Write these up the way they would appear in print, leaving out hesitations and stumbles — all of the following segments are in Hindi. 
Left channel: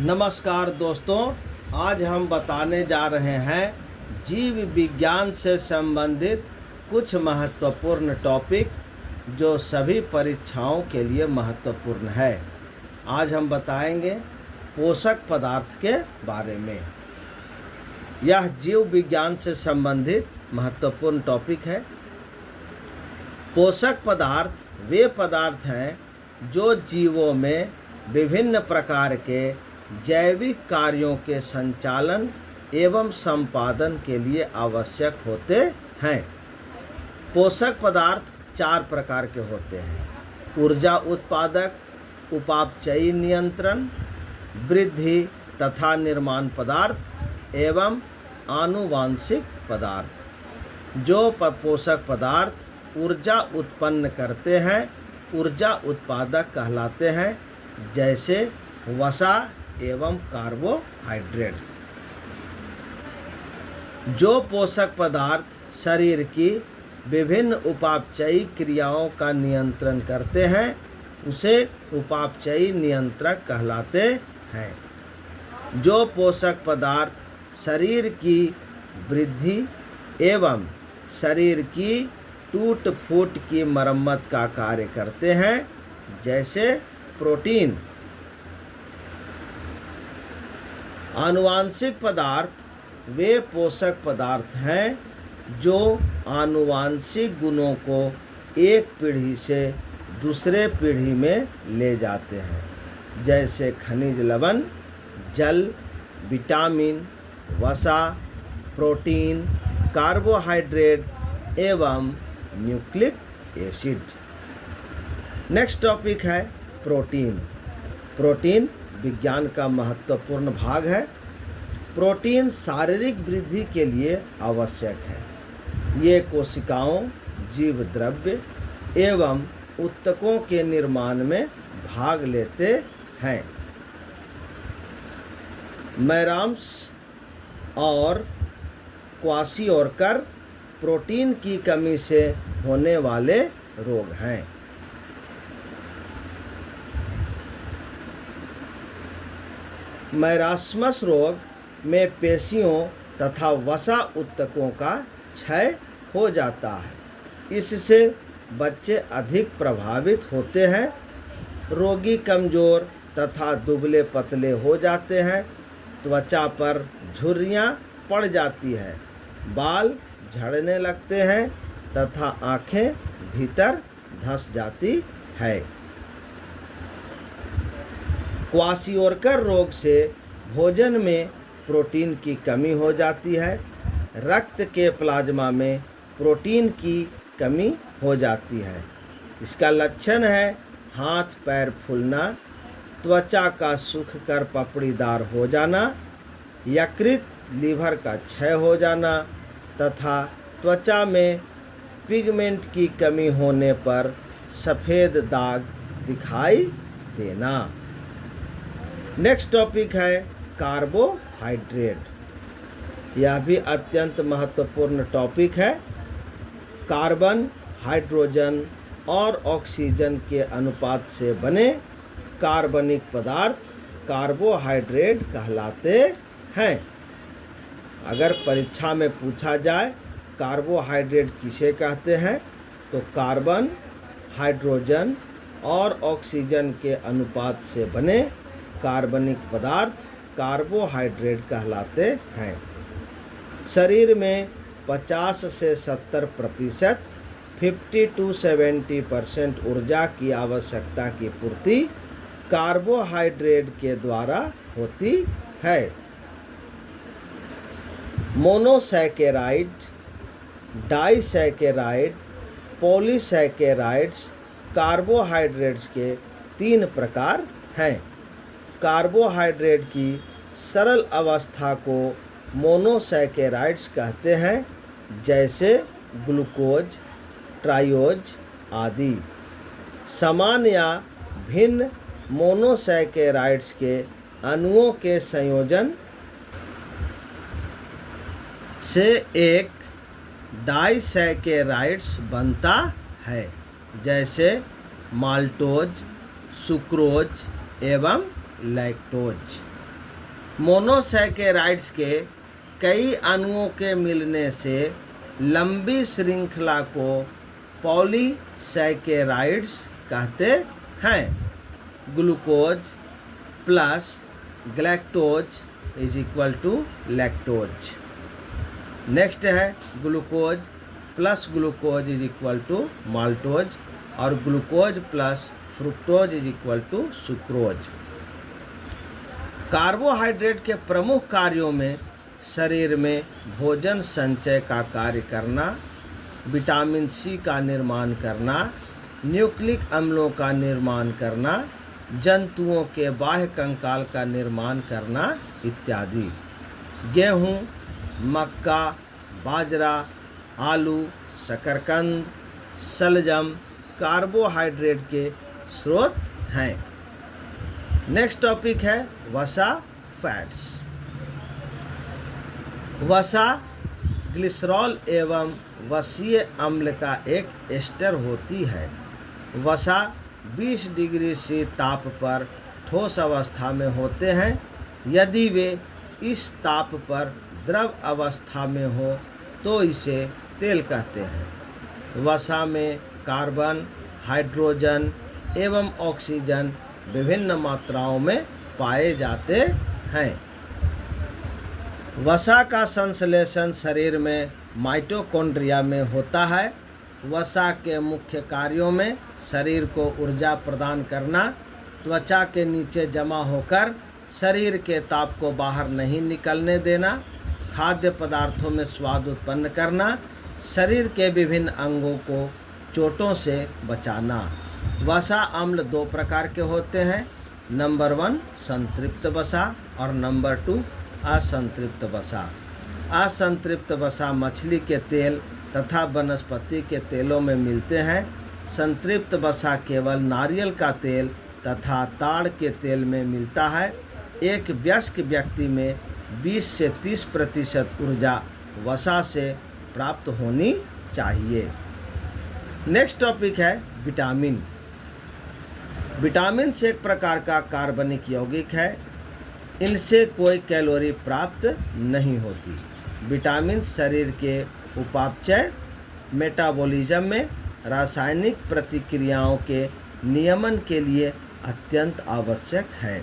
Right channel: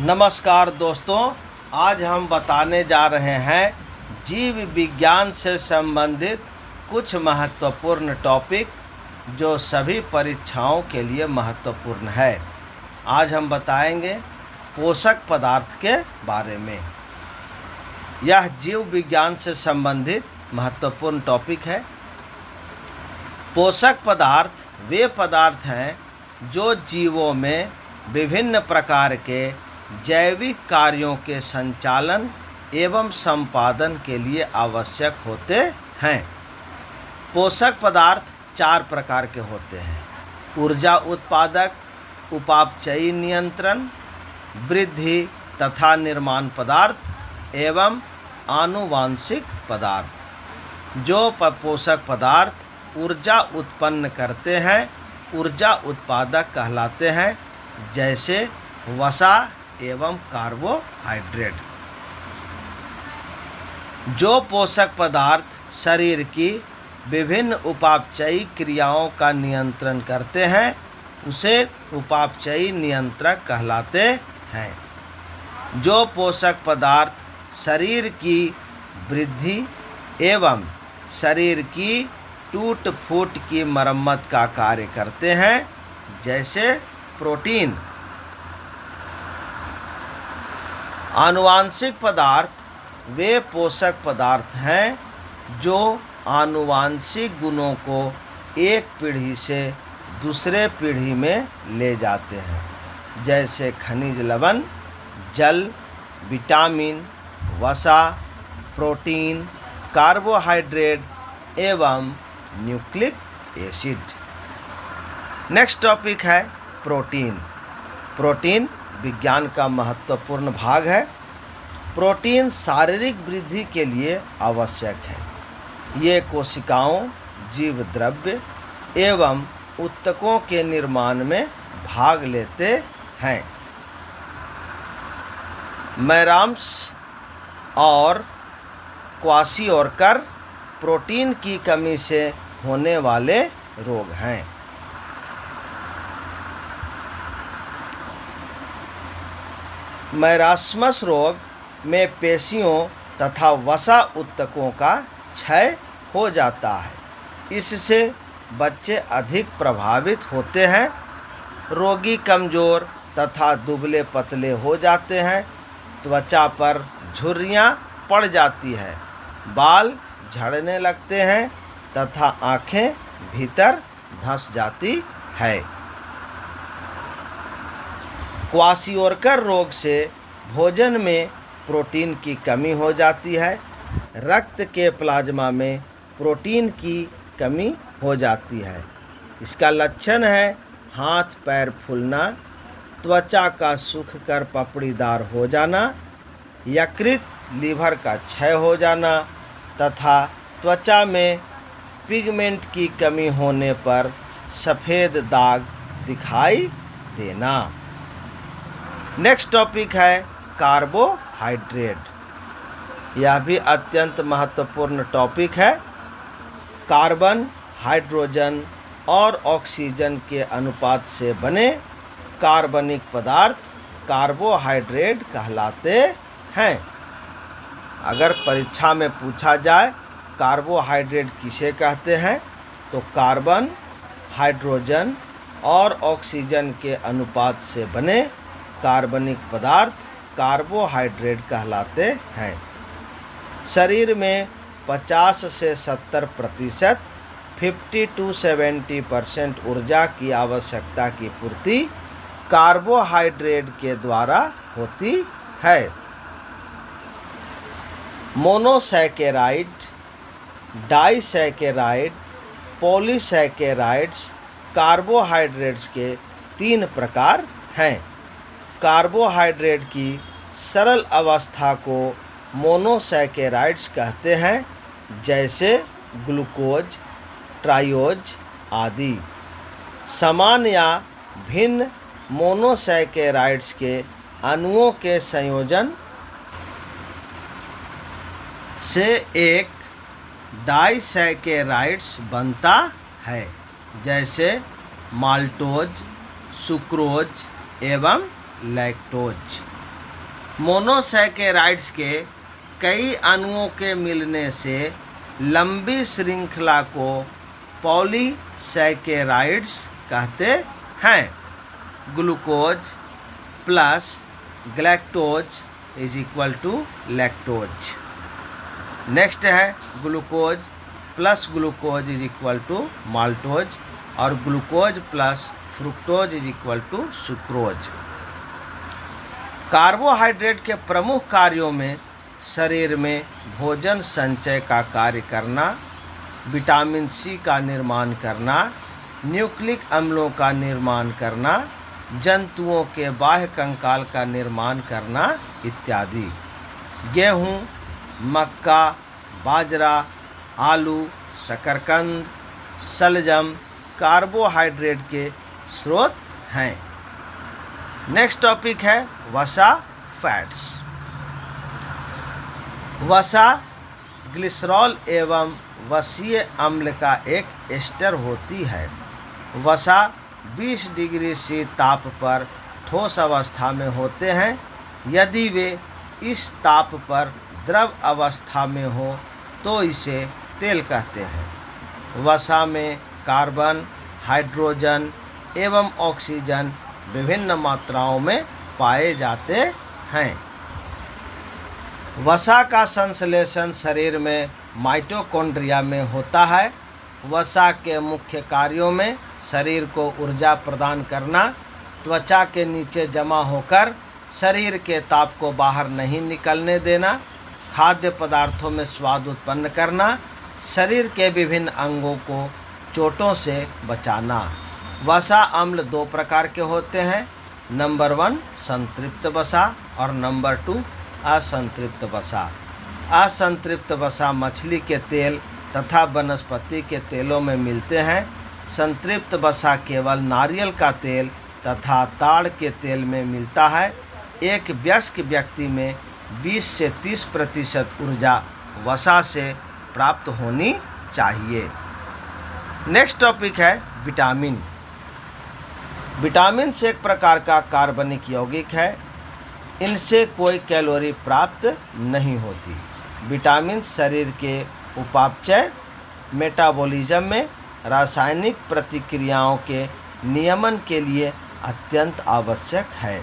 नमस्कार दोस्तों, आज हम बताने जा रहे हैं जीव विज्ञान से संबंधित कुछ महत्वपूर्ण टॉपिक जो सभी परीक्षाओं के लिए महत्वपूर्ण है। आज हम बताएंगे पोषक पदार्थ के बारे में। यह जीव विज्ञान से संबंधित महत्वपूर्ण टॉपिक है। पोषक पदार्थ वे पदार्थ हैं जो जीवों में विभिन्न प्रकार के जैविक कार्यों के संचालन एवं संपादन के लिए आवश्यक होते हैं। पोषक पदार्थ 4 प्रकार के होते हैं: ऊर्जा उत्पादक, उपापचयी नियंत्रण, वृद्धि तथा निर्माण पदार्थ एवं आनुवांशिक पदार्थ। जो पोषक पदार्थ ऊर्जा उत्पन्न करते हैं ऊर्जा उत्पादक कहलाते हैं, जैसे वसा एवं कार्बोहाइड्रेट। जो पोषक पदार्थ शरीर की विभिन्न उपापचयी क्रियाओं का नियंत्रण करते हैं उसे उपापचयी नियंत्रक कहलाते हैं। जो पोषक पदार्थ शरीर की वृद्धि एवं शरीर की टूट फूट की मरम्मत का कार्य करते हैं, जैसे प्रोटीन। आनुवांशिक पदार्थ वे पोषक पदार्थ हैं जो आनुवांशिक गुणों को एक पीढ़ी से दूसरे पीढ़ी में ले जाते हैं, जैसे खनिज लवण, जल, विटामिन, वसा, प्रोटीन, कार्बोहाइड्रेट एवं न्यूक्लिक एसिड। नेक्स्ट टॉपिक है प्रोटीन। प्रोटीन विज्ञान का महत्वपूर्ण भाग है। प्रोटीन शारीरिक वृद्धि के लिए आवश्यक है। ये कोशिकाओं, जीव द्रव्य एवं ऊतकों के निर्माण में भाग लेते हैं। मैराम्स और क्वाशियोरकर प्रोटीन की कमी से होने वाले रोग हैं। मैरास्मस रोग में पेशियों तथा वसा ऊतकों का क्षय हो जाता है। इससे बच्चे अधिक प्रभावित होते हैं। रोगी कमज़ोर तथा दुबले पतले हो जाते हैं। त्वचा पर झुर्रियाँ पड़ जाती है, बाल झड़ने लगते हैं तथा आँखें भीतर धंस जाती है। क्वाशियोरकर रोग से भोजन में प्रोटीन की कमी हो जाती है। रक्त के प्लाज्मा में प्रोटीन की कमी हो जाती है। इसका लक्षण है हाथ पैर फूलना, त्वचा का सूखकर पपड़ीदार हो जाना, यकृत लीवर का क्षय हो जाना तथा त्वचा में पिगमेंट की कमी होने पर सफ़ेद दाग दिखाई देना। नेक्स्ट टॉपिक है कार्बोहाइड्रेट। यह भी अत्यंत महत्वपूर्ण टॉपिक है। कार्बन, हाइड्रोजन और ऑक्सीजन के अनुपात से बने कार्बनिक पदार्थ कार्बोहाइड्रेट कहलाते हैं। अगर परीक्षा में पूछा जाए कार्बोहाइड्रेट किसे कहते हैं, तो कार्बन, हाइड्रोजन और ऑक्सीजन के अनुपात से बने कार्बनिक पदार्थ कार्बोहाइड्रेट कहलाते हैं। शरीर में 50 से 70%, 50 to 70% ऊर्जा की आवश्यकता की पूर्ति कार्बोहाइड्रेट के द्वारा होती है। मोनोसैकेराइड, डाइसैकेराइड, पॉलीसैकेराइड्स कार्बोहाइड्रेट्स के 3 प्रकार हैं। कार्बोहाइड्रेट की सरल अवस्था को मोनोसैकेराइड्स कहते हैं, जैसे ग्लूकोज, ट्रायोज आदि। समान या भिन्न मोनोसैकेराइड्स के अणुओं के संयोजन से एक डाइसैकेराइड्स बनता है, जैसे माल्टोज, सुक्रोज एवं लैक्टोज। मोनोसैकेराइड्स के कई अणुओं के मिलने से लंबी श्रृंखला को पॉलीसैकेराइड्स कहते हैं। Glucose plus galactose is equal to lactose. Next है glucose plus glucose is equal to maltose और glucose plus fructose is equal to sucrose. Carbohydrate के प्रमुख कार्यों में शरीर में भोजन संचय का कार्य करना, विटामिन सी का निर्माण करना, न्यूक्लिक अम्लों का निर्माण करना, जंतुओं के बाह्य कंकाल का निर्माण करना इत्यादि। गेहूँ, मक्का, बाजरा, आलू, शकरकंद, शलजम कार्बोहाइड्रेट के स्रोत हैं। नेक्स्ट टॉपिक है वसा फैट्स। वसा ग्लिसरॉल एवं वसीय अम्ल का एक एस्टर होती है। वसा 20 डिग्री C ताप पर ठोस अवस्था में होते हैं। यदि वे इस ताप पर द्रव अवस्था में हो तो इसे तेल कहते हैं। वसा में कार्बन, हाइड्रोजन एवं ऑक्सीजन विभिन्न मात्राओं में पाए जाते हैं। वसा का संश्लेषण शरीर में माइटोकॉन्ड्रिया में होता है। वसा के मुख्य कार्यों में शरीर को ऊर्जा प्रदान करना, त्वचा के नीचे जमा होकर शरीर के ताप को बाहर नहीं निकलने देना, खाद्य पदार्थों में स्वाद उत्पन्न करना, शरीर के विभिन्न अंगों को चोटों से बचाना। वसा अम्ल 2 प्रकार के होते हैं। नंबर 1 संतृप्त वसा और नंबर 2 असंतृप्त वसा। असंतृप्त वसा मछली के तेल तथा वनस्पति के तेलों में मिलते हैं। संतृप्त वसा केवल नारियल का तेल तथा ताड़ के तेल में मिलता है। एक वयस्क व्यक्ति में 20 से 30% ऊर्जा वसा से प्राप्त होनी चाहिए। नेक्स्ट टॉपिक है विटामिन। विटामिन एक प्रकार का कार्बनिक यौगिक है। इनसे कोई कैलोरी प्राप्त नहीं होती। विटामिन शरीर के उपापचय, मेटाबॉलिज्म में रासायनिक प्रतिक्रियाओं के नियमन के लिए अत्यंत आवश्यक है।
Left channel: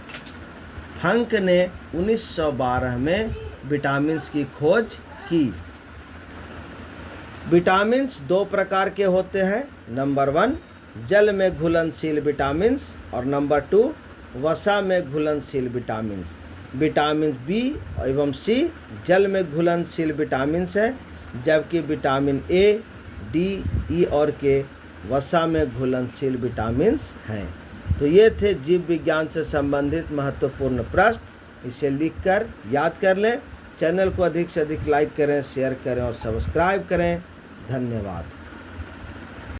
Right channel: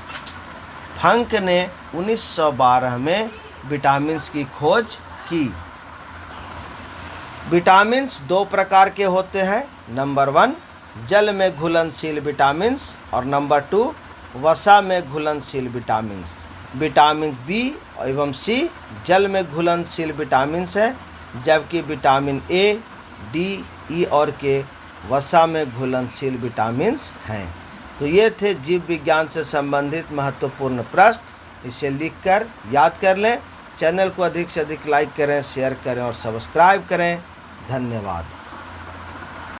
फंक ने 1912 में विटामिन की खोज की। विटामिन 2 प्रकार के होते हैं। नंबर 1 जल में घुलनशील विटामिन और नंबर 2 वसा में घुलनशील विटामिन। विटामिन बी एवं सी जल में घुलनशील विटामिन है, जबकि विटामिन ए, डी, ई और के वसा में घुलनशील विटामिन हैं। तो ये थे जीव विज्ञान से संबंधित महत्वपूर्ण प्रश्न। इसे लिखकर याद कर लें। चैनल को अधिक से अधिक लाइक करें, शेयर करें और सब्सक्राइब करें। धन्यवाद।